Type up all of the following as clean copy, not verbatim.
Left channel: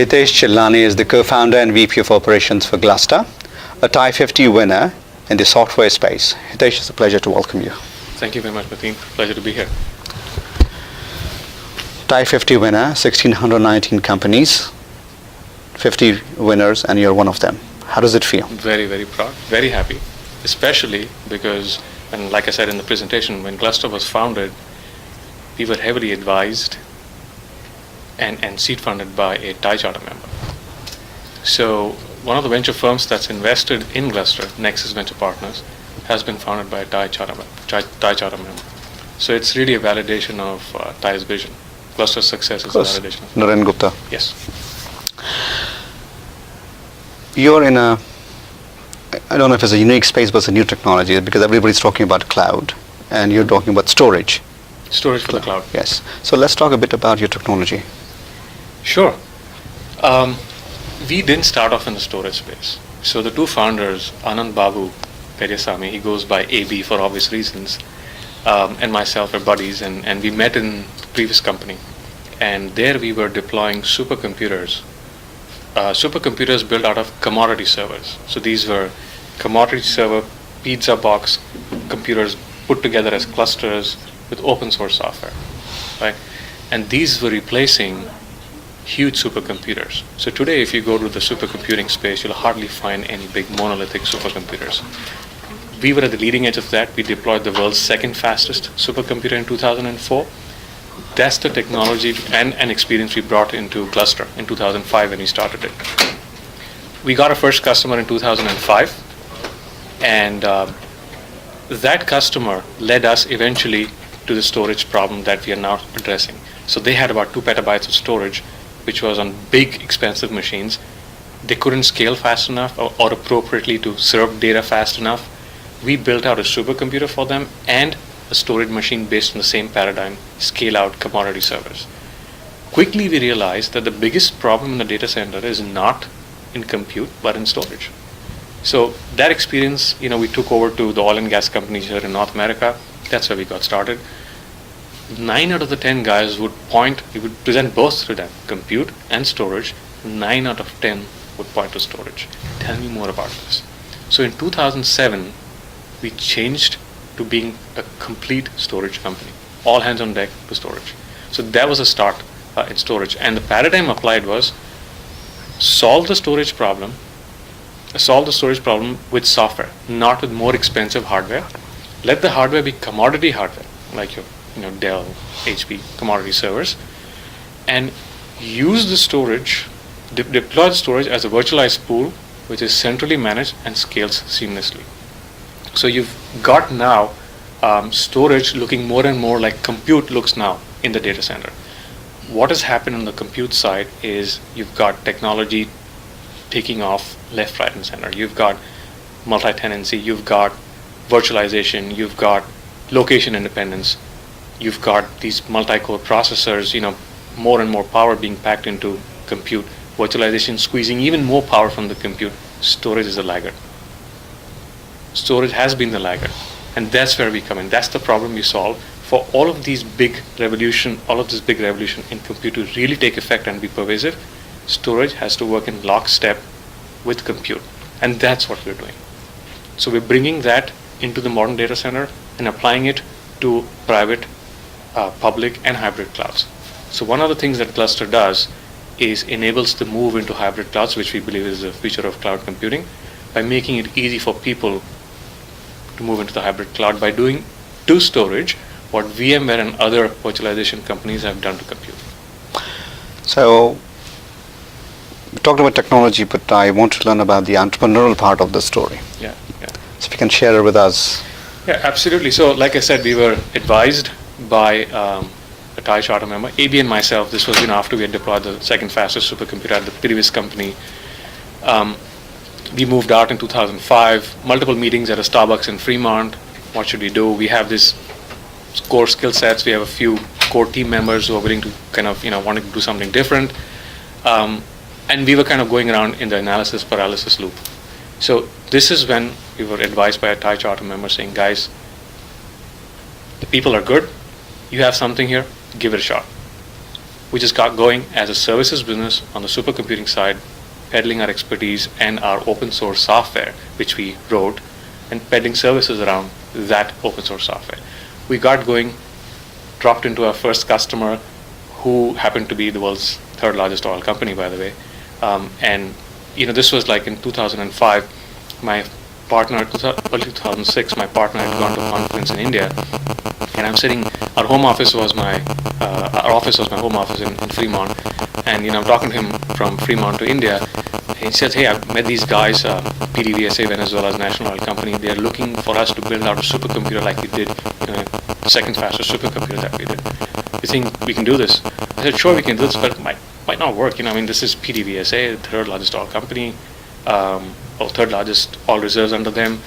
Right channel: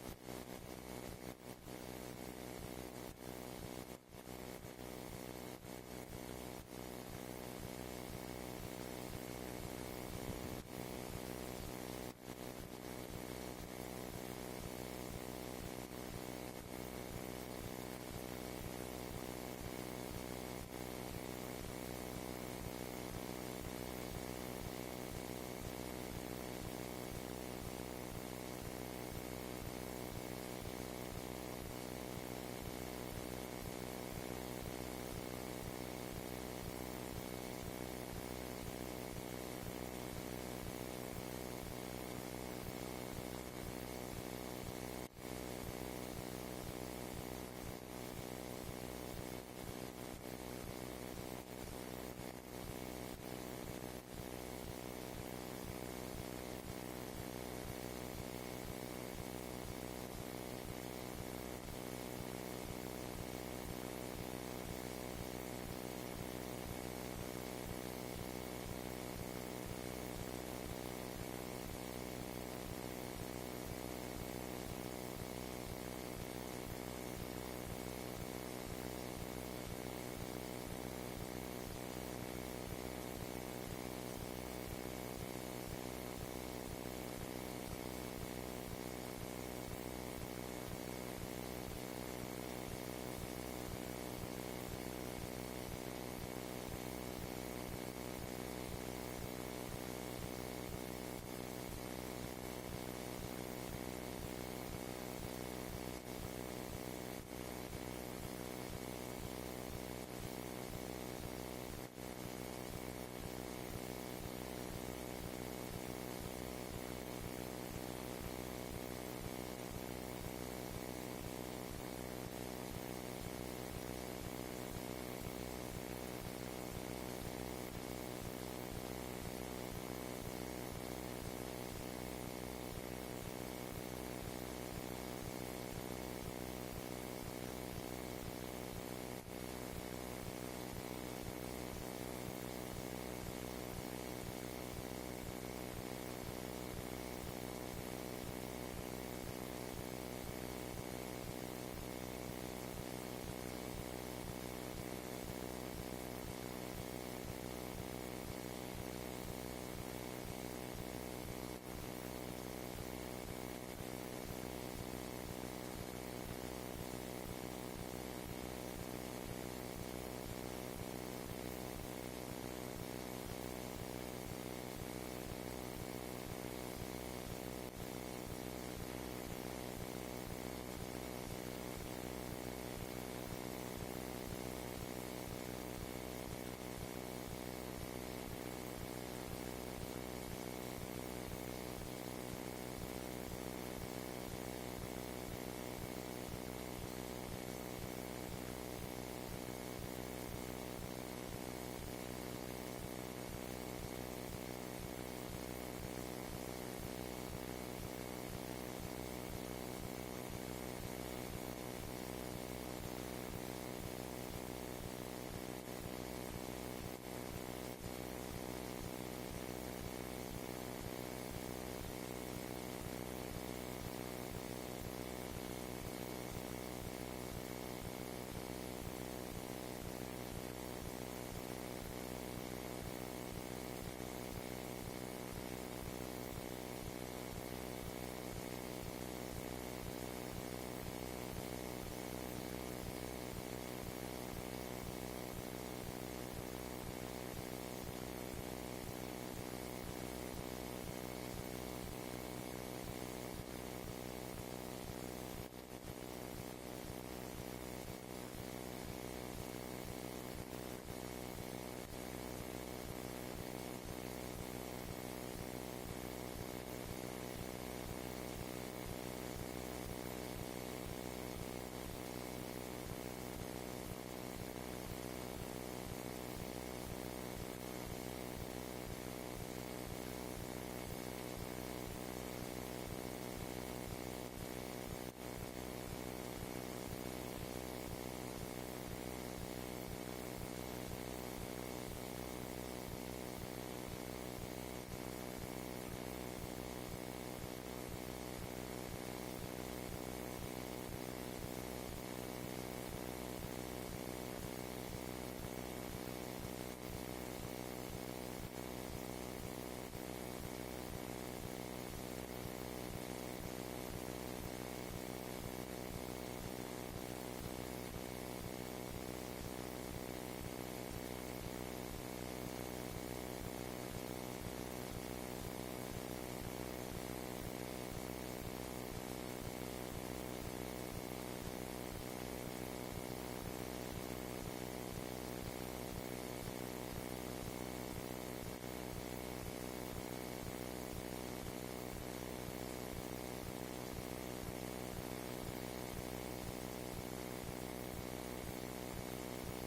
Hitesh Cheliani is the co-founder and VP of Operations for Gluster, a TiE50 winner in the software space. Hitesh, it's a pleasure to welcome you. Thank you very much, Mateen. Pleasure to be here. TiE50 winner, 1,619 companies, 50 winners, and you're one of them. How does it feel? Very, very proud, very happy, especially because, and like I said in the presentation, when Gluster was founded, we were heavily advised and seed funded by a TiE Charter member. So one of the venture firms that's invested in Gluster, Nexus Venture Partners, has been founded by a TiE Charter member. So it's really a validation of TiE's vision. Gluster's success is a validation. Naren Gupta. Yes. You're in a, I don't know if it's a unique space, but it's a new technology because everybody's talking about cloud and you're talking about storage. Storage for the cloud. Yes. So let's talk a bit about your technology. Sure. We didn't start off in the storage space. So the two founders, Anand Babu Peryasamy, he goes by AB for obvious reasons, and myself are buddies, and we met in the previous company. And there we were deploying supercomputers built out of commodity servers. So these were commodity server pizza box computers put together as clusters with open source software, right? And these were replacing huge supercomputers. So today, if you go to the supercomputing space, you'll hardly find any big monolithic supercomputers. We were at the leading edge of that. We deployed the world's second fastest supercomputer in 2004. That's the technology and experience we brought into Gluster in 2005 when we started it. We got our first customer in 2005, and that customer led us eventually to the storage problem that we are now addressing. So they had about 2 petabytes of storage, which was on big, expensive machines. They couldn't scale fast enough or appropriately to serve data fast enough. We built out a supercomputer for them and a storage machine based on the same paradigm, scale-out commodity servers. Quickly, we realized that the biggest problem in the data center is not in compute, but in storage. So that experience, we took over to the oil and gas companies here in North America. That's where we got started. 9 out of the 10 guys we would present both to them, compute and storage. 9 out of 10 would point to storage. Tell me more about this. So in 2007, we changed to being a complete storage company. All hands on deck to storage. So that was a start in storage. And the paradigm applied was solve the storage problem with software, not with more expensive hardware. Let the hardware be commodity hardware, like your Dell, HP, commodity servers, and use the storage, deploy the storage as a virtualized pool, which is centrally managed and scales seamlessly. So you've got now storage looking more and more like compute looks now in the data center. What has happened on the compute side is you've got technology taking off left, right, and center. You've got multi-tenancy, you've got virtualization, you've got location independence, you've got these multi-core processors, more and more power being packed into compute, virtualization squeezing even more power from the compute. Storage is a laggard. Storage has been the laggard, and that's where we come in. That's the problem we solve. For all of this big revolution in compute to really take effect and be pervasive, storage has to work in lockstep with compute, and that's what we're doing. So we're bringing that into the modern data center and applying it to private, public, and hybrid clouds. So one of the things that Gluster does is enables the move into hybrid clouds, which we believe is the future of cloud computing, by making it easy for people to move into the hybrid cloud by doing to storage what VMware and other virtualization companies have done to compute. So we talked about technology, but I want to learn about the entrepreneurial part of the story. Yeah. So if you can share it with us. Yeah, absolutely. So like I said, we were advised by a TiE Charter member, AB and myself. This was after we had deployed the second fastest supercomputer at the previous company. We moved out in 2005, multiple meetings at a Starbucks in Fremont. What should we do? We have this core skill sets. We have a few core team members who are willing to wanting to do something different. And we were kind of going around in the analysis paralysis loop. So this is when we were advised by a TiE Charter member saying, guys, the people are good. You have something here, give it a shot. We just got going as a services business on the supercomputing side, peddling our expertise and our open source software, which we wrote, and peddling services around that open source software. We got going, dropped into our first customer, who happened to be the world's third largest oil company, by the way. And this was like in 2005. My partner, early 2006, my partner had gone to a conference in India, and I'm sitting. Our office was my home office in Fremont, and I'm talking to him from Fremont to India. And he says, "Hey, I've met these guys, PDVSA, Venezuela's national oil company. They're looking for us to build out a supercomputer like we did, the second fastest supercomputer that we did. You think we can do this?" I said, "Sure, we can do this, but it might not work. This is PDVSA, the third largest oil company, or third largest oil reserves under them.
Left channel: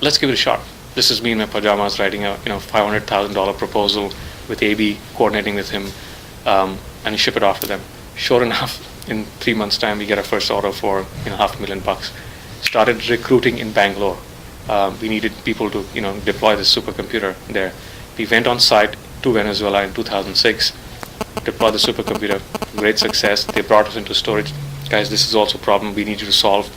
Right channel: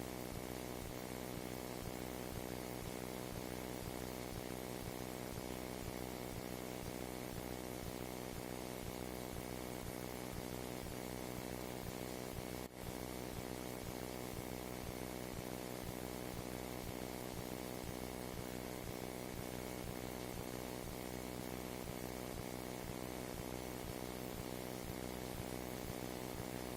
Let's give it a shot." This is me in my pajamas writing a $500,000 proposal with AB, coordinating with him, and ship it off to them. Sure enough, in 3 months' time, we get our first order for $500,000. Started recruiting in Bangalore. We needed people to deploy this supercomputer there. We went on site to Venezuela in 2006, deployed the supercomputer. Great success. They brought us into storage. Guys, this is also a problem we need you to solve.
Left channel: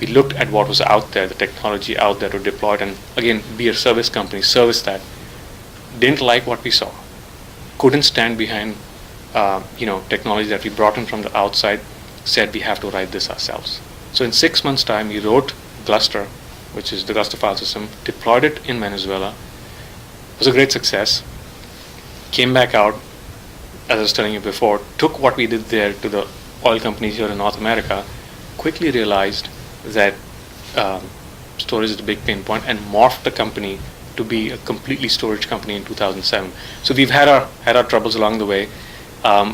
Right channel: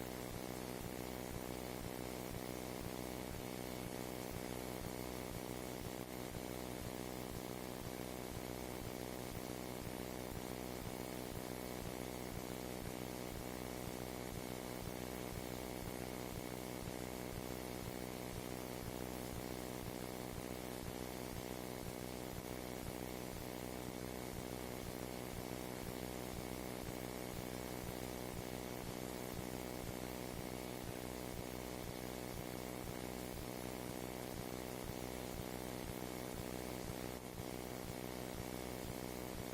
We looked at what was out there, the technology out there to deploy it, and again, be a service company, service that. Didn't like what we saw. Couldn't stand behind technology that we brought in from the outside. Said we have to write this ourselves. So in 6 months' time, we wrote Gluster, which is the Gluster file system, deployed it in Venezuela. It was a great success. Came back out, as I was telling you before, took what we did there to the oil companies here in North America, quickly realized that storage is a big pain point, and morphed the company to be a completely storage company in 2007. So we've had our troubles along the way.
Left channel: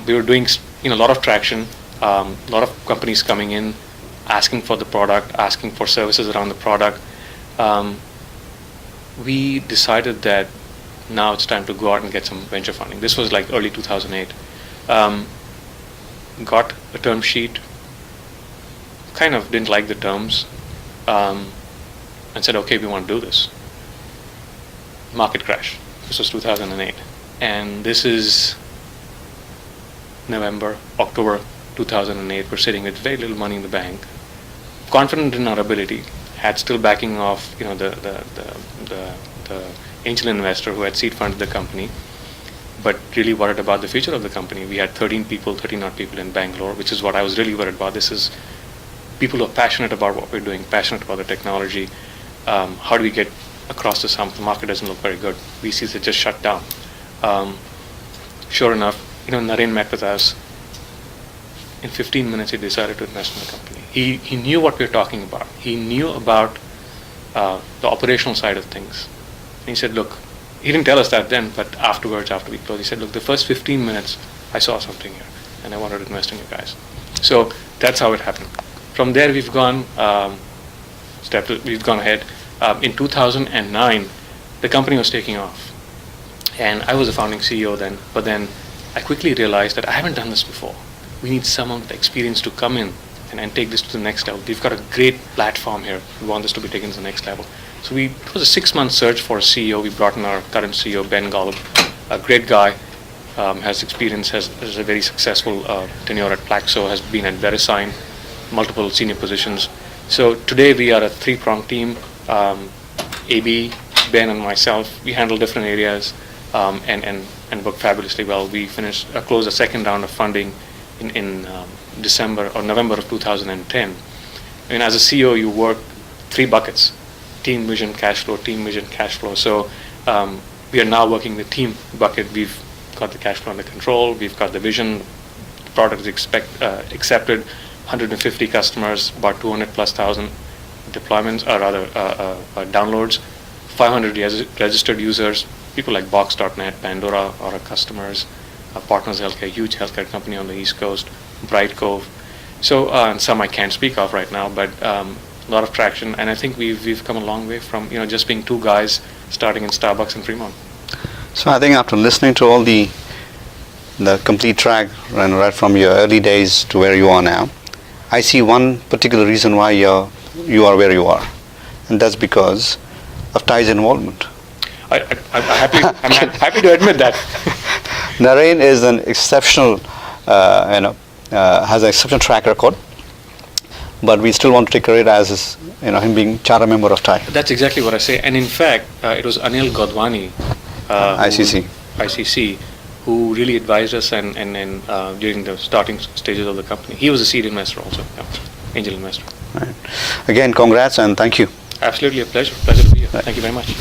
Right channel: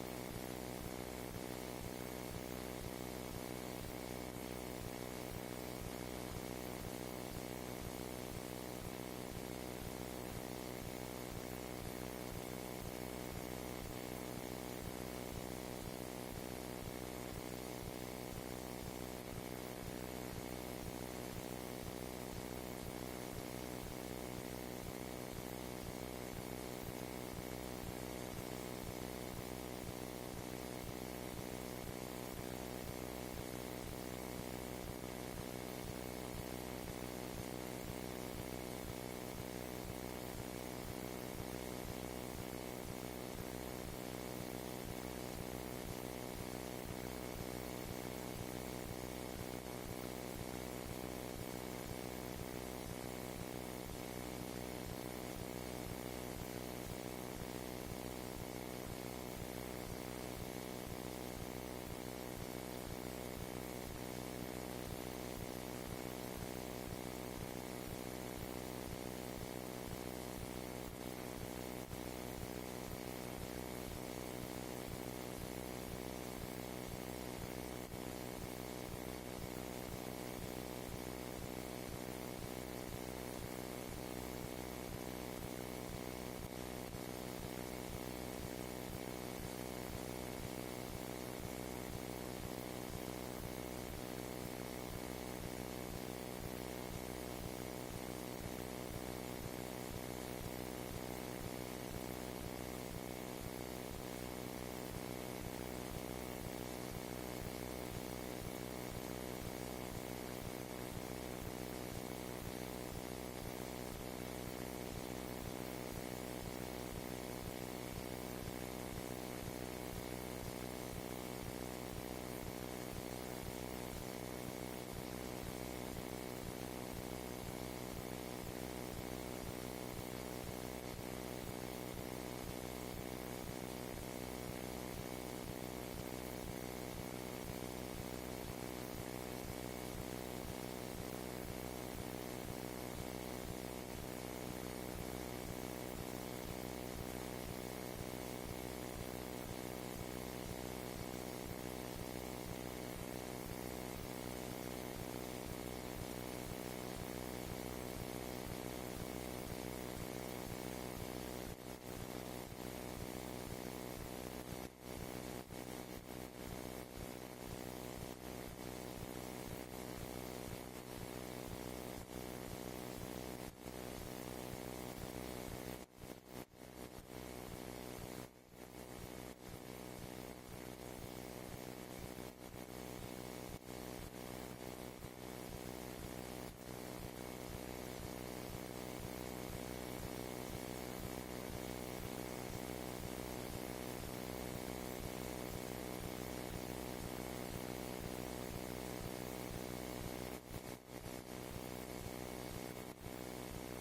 We were doing a lot of traction, a lot of companies coming in, asking for the product, asking for services around the product. We decided that now it's time to go out and get some venture funding. This was like early 2008. Got a term sheet, kind of didn't like the terms, and said, okay, we want to do this. Market crash. This was 2008. And this is October 2008. We're sitting with very little money in the bank, confident in our ability, had still backing of the angel investor who had seed funded the company, but really worried about the future of the company. We had 13 odd people in Bangalore, which is what I was really worried about. This is people who are passionate about what we're doing, passionate about the technology. How do we get across this hump? The market doesn't look very good. VCs had just shut down. Sure enough, Naren met with us. In 15 minutes, he decided to invest in the company. He knew what we were talking about. He knew about the operational side of things. And he said, look, he didn't tell us that then, but afterwards, after we closed, he said, look, the first 15 minutes, I saw something here, and I wanted to invest in you guys. So that's how it happened. From there, we've gone ahead. In 2009, the company was taking off, and I was the founding CEO then. But then, I quickly realized that I haven't done this before. We need someone with experience to come in and take this to the next level. We've got a great platform here. We want this to be taken to the next level. So it was a 6-month search for a CEO. We brought in our current CEO, Ben Golub, a great guy, has experience, has a very successful tenure at Plaxo, has been at VeriSign, multiple senior positions. So today we are a 3-pronged team. AB, Ben, and myself, we handle different areas and work fabulously well. We closed a second round of funding in December or November of 2010. And as a CEO, you work 3 buckets: team, vision, cash flow, team, vision, cash flow. So we are now working the team bucket. We've got the cash flow under control. We've got the vision. The product is accepted. 150 customers, about 200,000+ deployments, or rather downloads. 500 registered users. People like Box.net, Pandora are our customers. Partners Healthcare, huge healthcare company on the East Coast. Bright Cove. So and some I can't speak of right now, but a lot of traction, and I think we've come a long way from just being 2 guys starting in Starbucks in Fremont. So I think after listening to all the complete track, right from your early days to where you are now, I see one particular reason why you are where you are, and that's because of TiE's involvement. I'm happy to admit that. Naren is an exceptional, has an exceptional track record, but we still want to take credit as his, him being charter member of TiE. That's exactly what I say. And in fact, it was Anil Godwani, ICC, who really advised us and during the starting stages of the company. He was a seed investor also, angel investor. Right. Again, congrats and thank you. Absolutely a pleasure. Pleasure to be here. Right. Thank you very much.